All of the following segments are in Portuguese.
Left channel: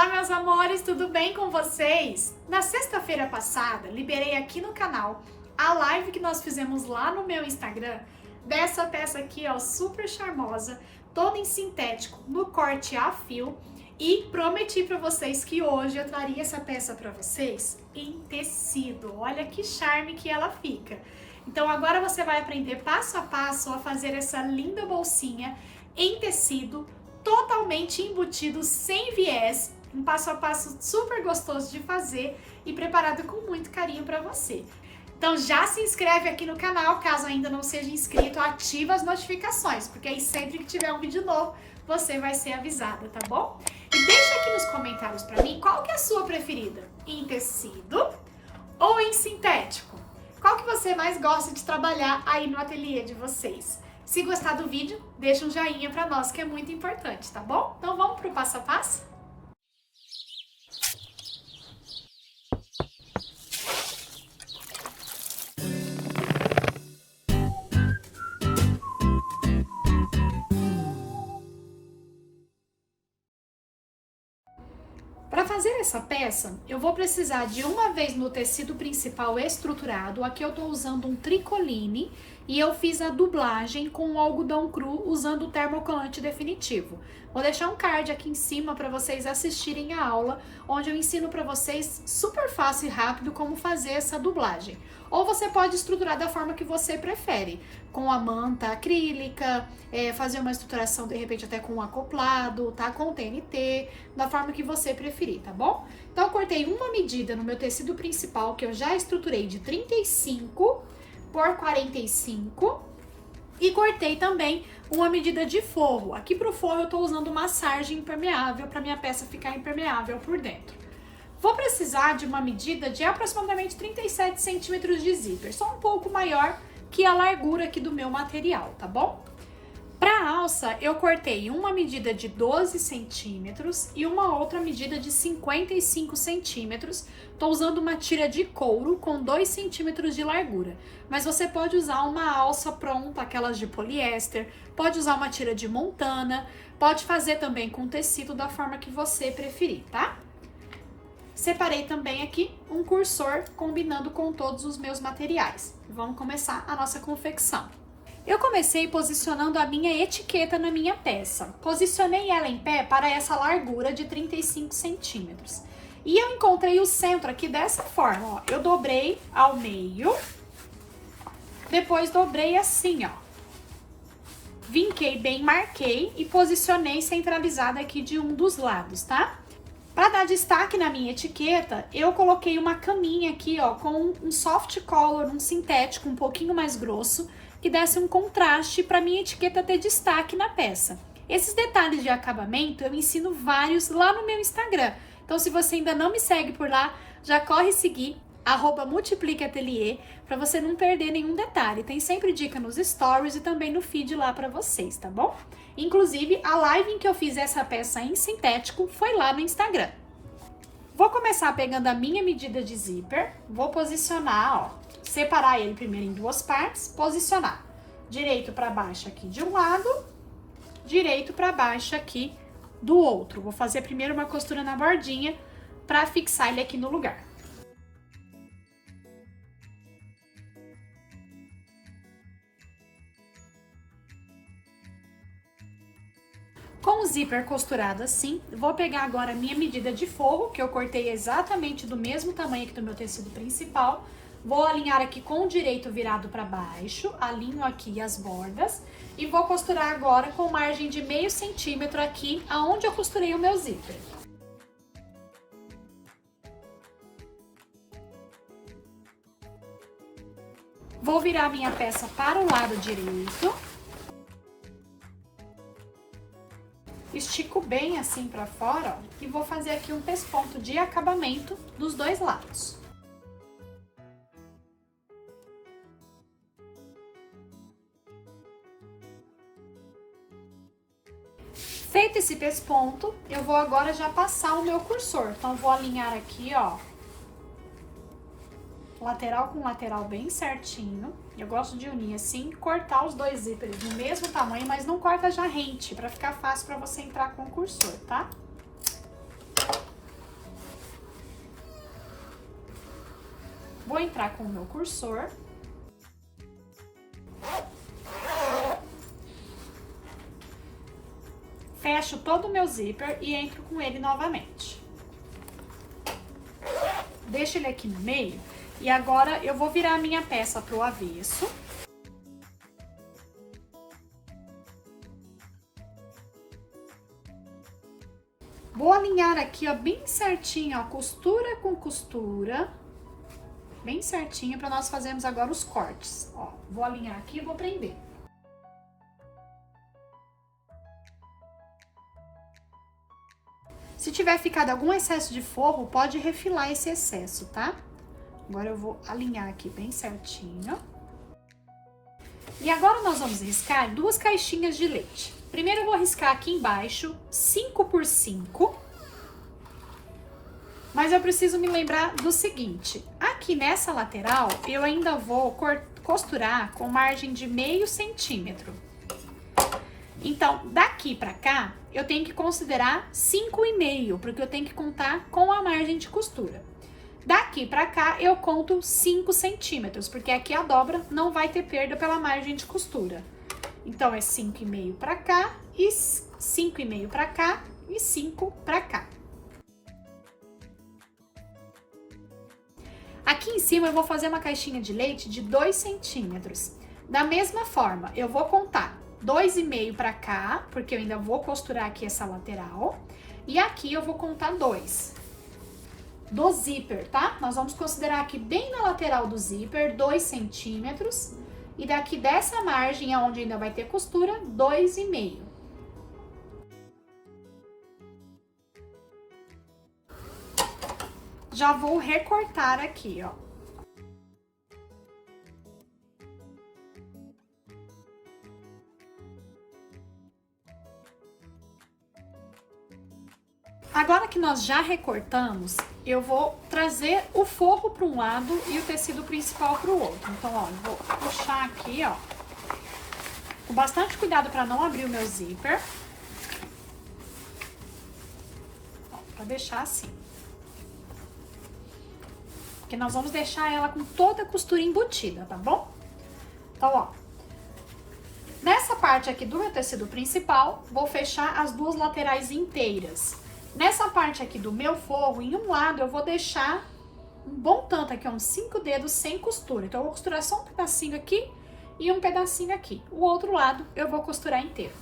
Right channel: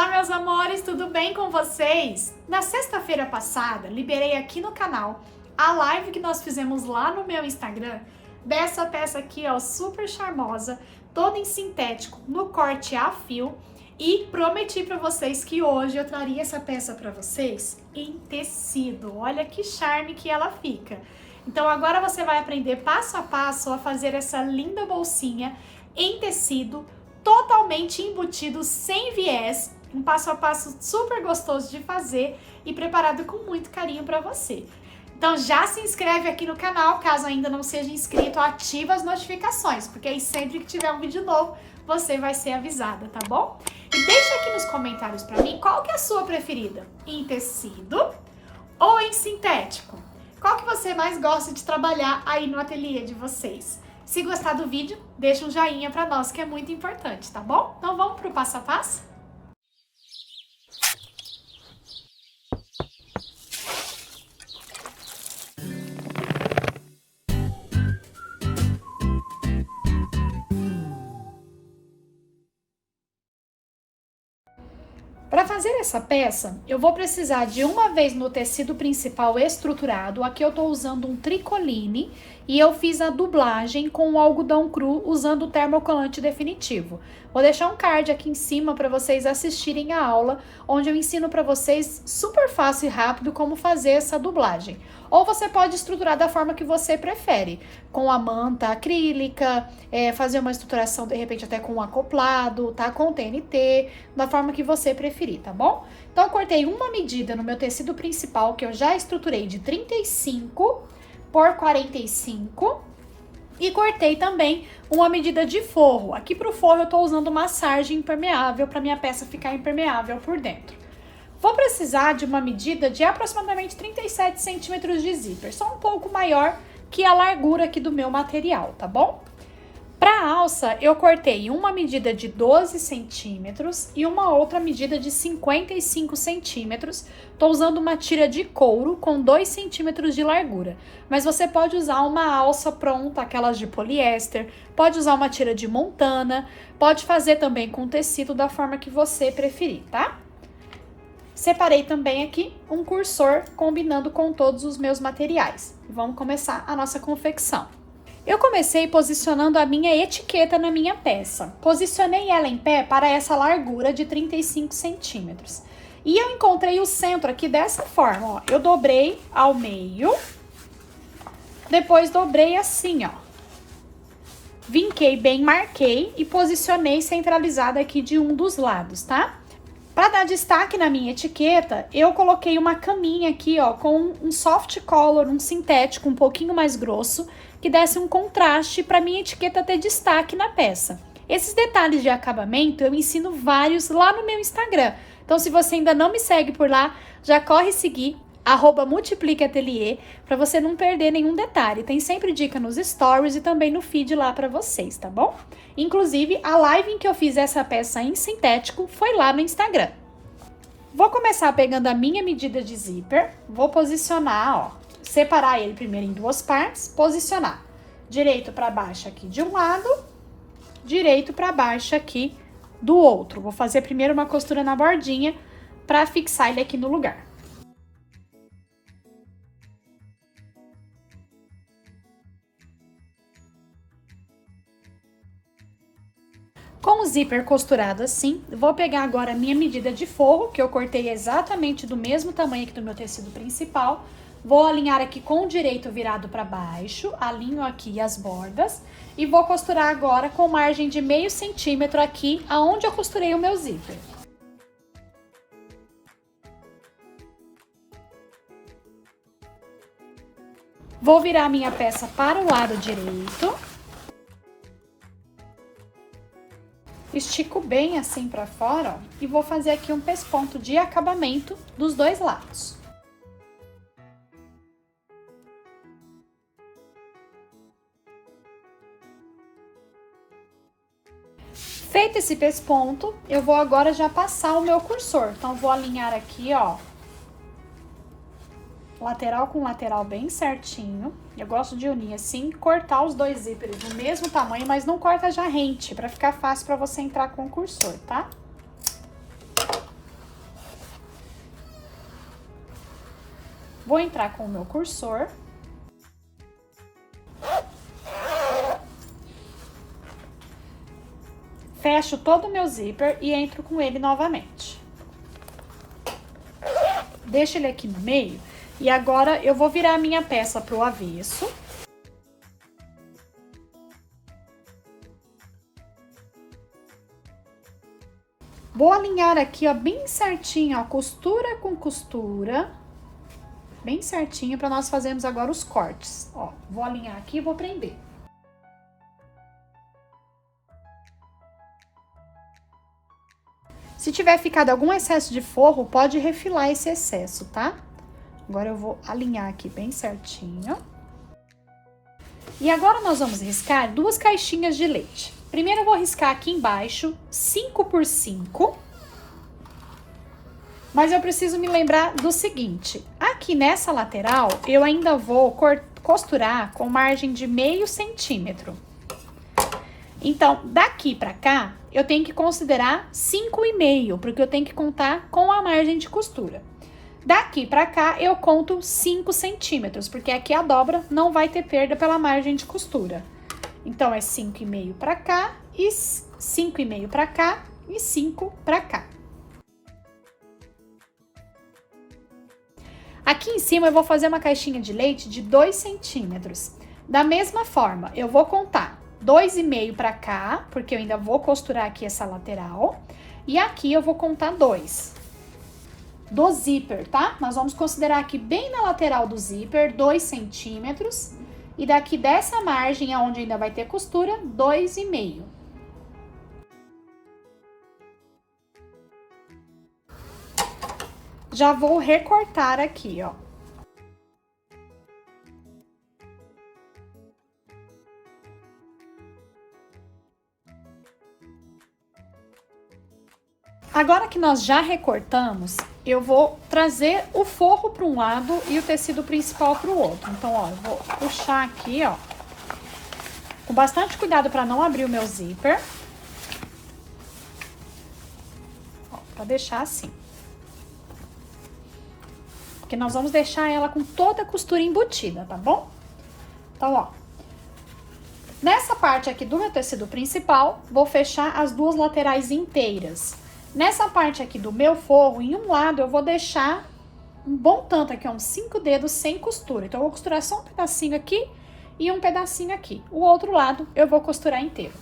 Olá, meus amores, tudo bem com vocês? Na sexta-feira passada, liberei aqui no canal a live que nós fizemos lá no meu Instagram dessa peça aqui, ó, super charmosa, toda em sintético, no corte a fio, e prometi para vocês que hoje eu traria essa peça para vocês em tecido. Olha que charme que ela fica. Então agora você vai aprender passo a passo a fazer essa linda bolsinha em tecido, totalmente embutido, sem viés, um passo a passo super gostoso de fazer e preparado com muito carinho para você. Então já se inscreve aqui no canal, caso ainda não seja inscrito, ativa as notificações, porque aí sempre que tiver um vídeo novo, você vai ser avisada, tá bom? E deixa aqui nos comentários para mim qual que é a sua preferida, em tecido ou em sintético? Qual que você mais gosta de trabalhar aí no ateliê de vocês? Se gostar do vídeo, deixa um joinha para nós, que é muito importante, tá bom? Então vamos pro passo a passo? Para fazer essa peça, eu vou precisar de uma vez no tecido principal estruturado. Aqui eu tô usando um tricoline e eu fiz a dublagem com o algodão cru usando o termocolante definitivo. Vou deixar um card aqui em cima para vocês assistirem a aula, onde eu ensino para vocês super fácil e rápido como fazer essa dublagem. Ou você pode estruturar da forma que você prefere, com a manta acrílica, fazer uma estruturação de repente até com um acoplado, tá? Com TNT, da forma que você preferir, tá bom? Então eu cortei uma medida no meu tecido principal, que eu já estruturei de 35 por 45, e cortei também uma medida de forro. Aqui pro forro eu tô usando uma sarja impermeável para minha peça ficar impermeável por dentro. Vou precisar de uma medida de aproximadamente 37 centímetros de zíper, só um pouco maior que a largura aqui do meu material, tá bom? Para a alça, eu cortei uma medida de 12 centímetros e uma outra medida de 55 centímetros. Tô usando uma tira de couro com 2 centímetros de largura, mas você pode usar uma alça pronta, aquelas de poliéster, pode usar uma tira de montana, pode fazer também com tecido da forma que você preferir, tá? Separei também aqui um cursor combinando com todos os meus materiais. Vamos começar a nossa confecção. Eu comecei posicionando a minha etiqueta na minha peça. Posicionei ela em pé para essa largura de 35 centímetros. E eu encontrei o centro aqui dessa forma, ó. Eu dobrei ao meio, depois dobrei assim, ó. Vinquei bem, marquei e posicionei centralizada aqui de um dos lados, tá? Para dar destaque na minha etiqueta, eu coloquei uma caminha aqui, ó, com um soft color, um sintético um pouquinho mais grosso, que desse um contraste para minha etiqueta ter destaque na peça. Esses detalhes de acabamento eu ensino vários lá no meu Instagram. Então, se você ainda não me segue por lá, já corre seguir @multipliqueatelier para você não perder nenhum detalhe. Tem sempre dica nos stories e também no feed lá para vocês, tá bom? Inclusive, a live em que eu fiz essa peça em sintético foi lá no Instagram. Vou começar pegando a minha medida de zíper, vou posicionar, ó, separar ele primeiro em duas partes, posicionar direito para baixo aqui de um lado, direito para baixo aqui do outro. Vou fazer primeiro uma costura na bordinha para fixar ele aqui no lugar. Com o zíper costurado assim, vou pegar agora a minha medida de forro, que eu cortei exatamente do mesmo tamanho que do meu tecido principal. Vou alinhar aqui com o direito virado para baixo, alinho aqui as bordas e vou costurar agora com margem de meio centímetro aqui, aonde eu costurei o meu zíper. Vou virar a minha peça para o lado direito. Estico bem assim para fora, ó, e vou fazer aqui um pesponto de acabamento dos dois lados. Feito esse pesponto, eu vou agora já passar o meu cursor. Então, vou alinhar aqui, ó, lateral com lateral bem certinho. Eu gosto de unir assim, cortar os dois zíperes do mesmo tamanho, mas não corta já rente, pra ficar fácil pra você entrar com o cursor, tá? Vou entrar com o meu cursor. Fecho todo o meu zíper e entro com ele novamente. Deixo ele aqui no meio e agora eu vou virar a minha peça pro avesso. Vou alinhar aqui, ó, bem certinho, ó, costura com costura. Bem certinho para nós fazermos agora os cortes. Ó, vou alinhar aqui e vou prender. Se tiver ficado algum excesso de forro, pode refilar esse excesso, tá? Agora eu vou alinhar aqui bem certinho. E agora nós vamos riscar 2 caixinhas de leite. Primeiro eu vou riscar aqui embaixo 5 por 5. Mas eu preciso me lembrar do seguinte, aqui nessa lateral eu ainda vou costurar com margem de meio centímetro. Então, daqui pra cá, eu tenho que considerar 5,5, porque eu tenho que contar com a margem de costura. Daqui pra cá, eu conto 5 centímetros, porque aqui a dobra não vai ter perda pela margem de costura. Então, é 5,5 pra cá, e 5,5 pra cá, e 5 pra cá. Aqui em cima, eu vou fazer uma caixinha de leite de 2 centímetros. Da mesma forma, eu vou contar 2,5 pra cá, porque eu ainda vou costurar aqui essa lateral. E aqui eu vou contar 2. Do zíper, tá? Nós vamos considerar aqui bem na lateral do zíper, 2 centímetros. E daqui dessa margem, onde ainda vai ter costura, 2,5. Já vou recortar aqui, ó. Agora que nós já recortamos, eu vou trazer o forro para um lado e o tecido principal para o outro. Então, ó, eu vou puxar aqui, ó, com bastante cuidado para não abrir o meu zíper. Para deixar assim. Porque nós vamos deixar ela com toda a costura embutida, tá bom? Então, ó, nessa parte aqui do meu tecido principal, vou fechar as 2 laterais inteiras. Nessa parte aqui do meu forro, em um lado, eu vou deixar um bom tanto aqui, ó, uns 5 dedos sem costura. Então, eu vou costurar só um pedacinho aqui e um pedacinho aqui. O outro lado, eu vou costurar inteiro.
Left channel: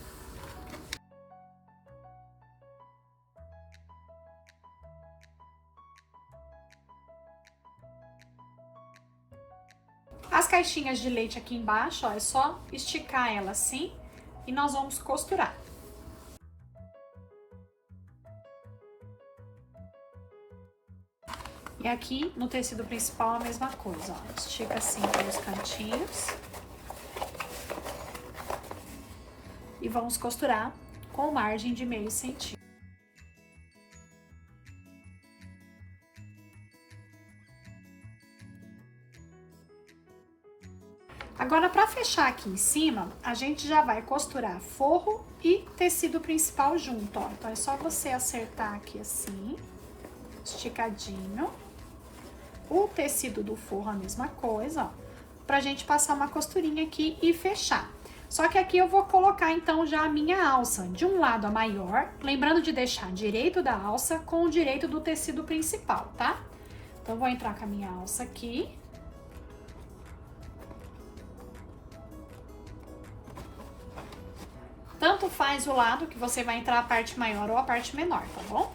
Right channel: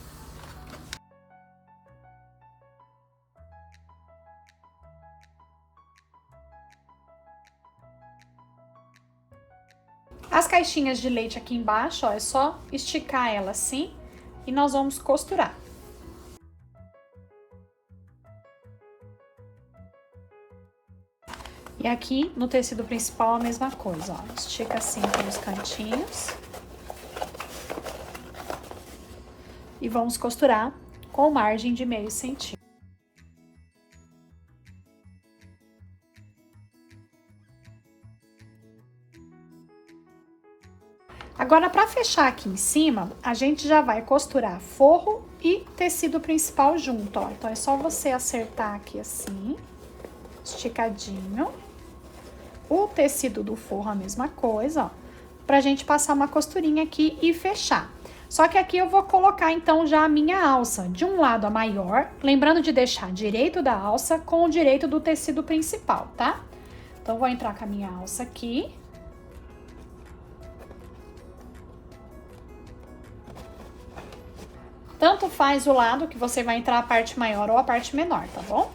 As caixinhas de leite aqui embaixo, ó, é só esticar ela assim e nós vamos costurar. E aqui no tecido principal a mesma coisa, ó, estica assim pelos cantinhos. E vamos costurar com margem de meio centímetro. Agora, para fechar aqui em cima, a gente já vai costurar forro e tecido principal junto, ó. Então, é só você acertar aqui assim, esticadinho. O tecido do forro a mesma coisa, ó, pra gente passar uma costurinha aqui e fechar. Só que aqui eu vou colocar, então, já a minha alça. De um lado a maior, lembrando de deixar direito da alça com o direito do tecido principal, tá? Então, vou entrar com a minha alça aqui. Tanto faz o lado que você vai entrar a parte maior ou a parte menor, tá bom?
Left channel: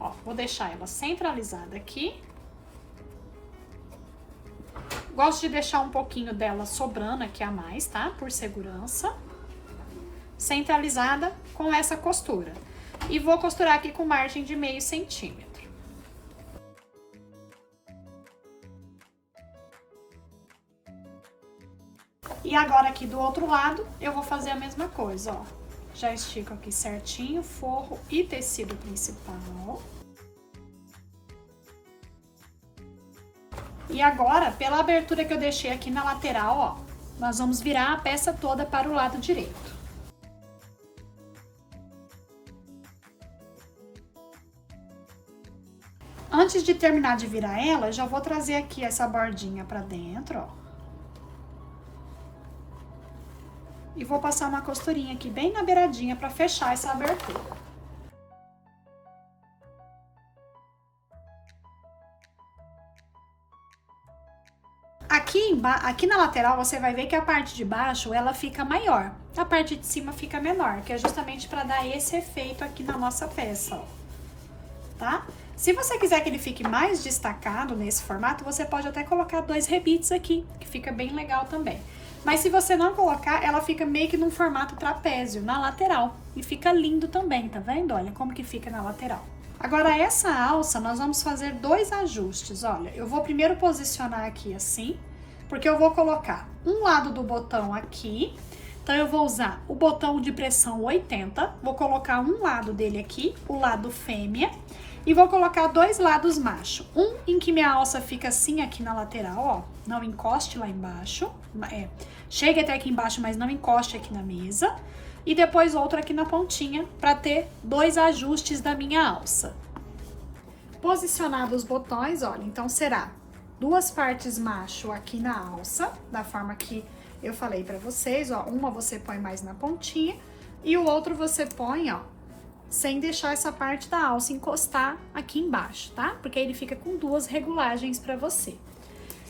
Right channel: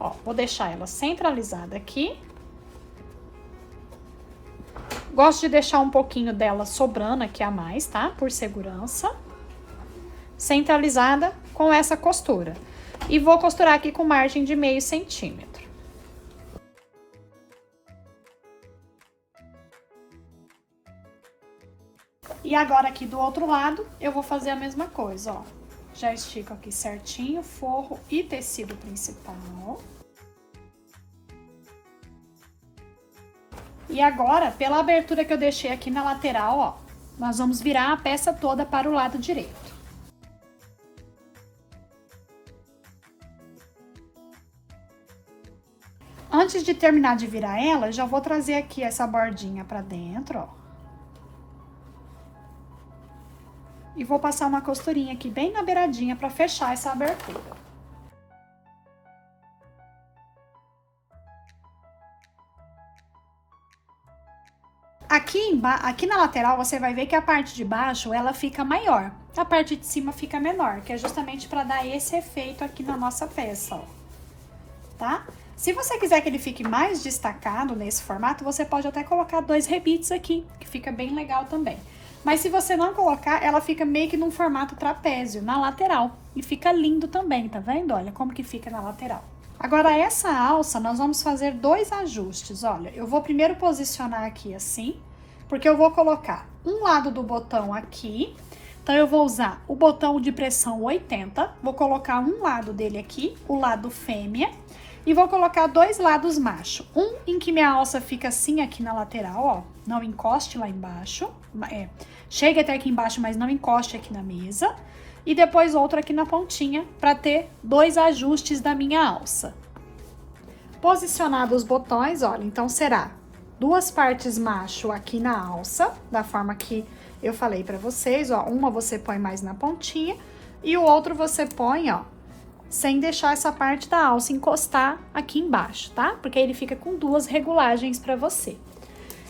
Ó, vou deixar ela centralizada aqui. Gosto de deixar um pouquinho dela sobrando aqui a mais, tá? Por segurança. Centralizada com essa costura. E vou costurar aqui com margem de meio centímetro. E agora aqui do outro lado, eu vou fazer a mesma coisa, ó. Já estico aqui certinho, forro e tecido principal. E agora, pela abertura que eu deixei aqui na lateral, ó, nós vamos virar a peça toda para o lado direito. Antes de terminar de virar ela, já vou trazer aqui essa bordinha pra dentro, ó. E vou passar uma costurinha aqui bem na beiradinha pra fechar essa abertura. Aqui na lateral, você vai ver que a parte de baixo, ela fica maior. A parte de cima fica menor, que é justamente pra dar esse efeito aqui na nossa peça, ó. Tá? Se você quiser que ele fique mais destacado nesse formato, você pode até colocar 2 rebites aqui, que fica bem legal também. Mas se você não colocar, ela fica meio que num formato trapézio, na lateral. E fica lindo também, tá vendo? Olha como que fica na lateral. Agora, essa alça, nós vamos fazer 2 ajustes, olha. Eu vou primeiro posicionar aqui assim, porque eu vou colocar um lado do botão aqui. Então, eu vou usar o botão de pressão 80, vou colocar um lado dele aqui, o lado fêmea, e vou colocar 2 lados macho. Um em que minha alça fica assim aqui na lateral, ó, não encoste lá embaixo, chegue até aqui embaixo, mas não encoste aqui na mesa. E depois outro aqui na pontinha, para ter 2 ajustes da minha alça. Posicionados os botões, olha, então será 2 partes macho aqui na alça, da forma que eu falei pra vocês, ó, uma você põe mais na pontinha e o outro você põe, ó, sem deixar essa parte da alça encostar aqui embaixo, tá? Porque aí ele fica com 2 regulagens pra você.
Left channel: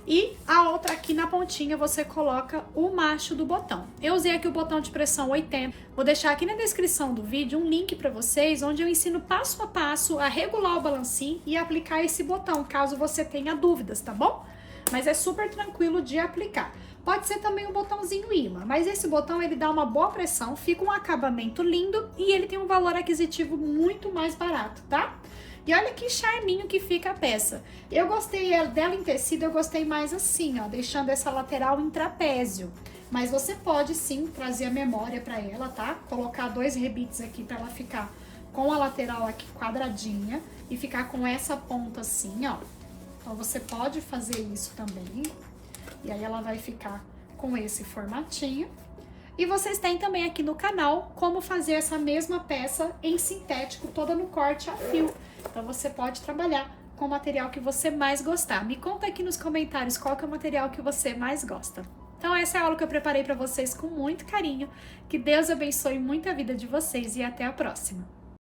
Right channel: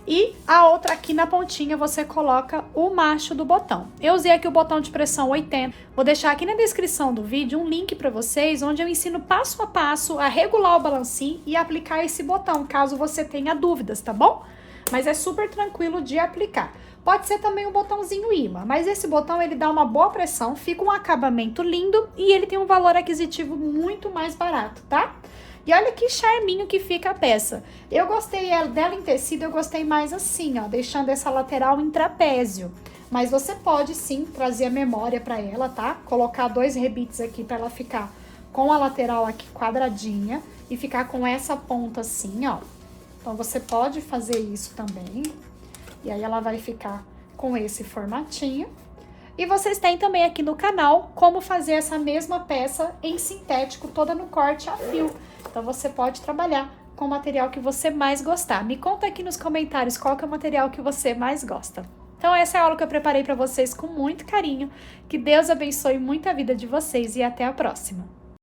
E a outra aqui na pontinha você coloca o macho do botão. Eu usei aqui o botão de pressão 80. Vou deixar aqui na descrição do vídeo um link para vocês, onde eu ensino passo a passo a regular o balancim e aplicar esse botão, caso você tenha dúvidas, tá bom? Mas é super tranquilo de aplicar. Pode ser também um botãozinho imã, mas esse botão ele dá uma boa pressão, fica um acabamento lindo e ele tem um valor aquisitivo muito mais barato, tá? E olha que charminho que fica a peça. Eu gostei dela em tecido, eu gostei mais assim, ó, deixando essa lateral em trapézio. Mas você pode sim trazer a memória pra ela, tá? Colocar 2 rebites aqui pra ela ficar com a lateral aqui quadradinha e ficar com essa ponta assim, ó. Então você pode fazer isso também. E aí ela vai ficar com esse formatinho. E vocês têm também aqui no canal como fazer essa mesma peça em sintético, toda no corte a fio. Então, você pode trabalhar com o material que você mais gostar. Me conta aqui nos comentários qual que é o material que você mais gosta. Então, essa é a aula que eu preparei para vocês com muito carinho. Que Deus abençoe muito a vida de vocês e até a próxima.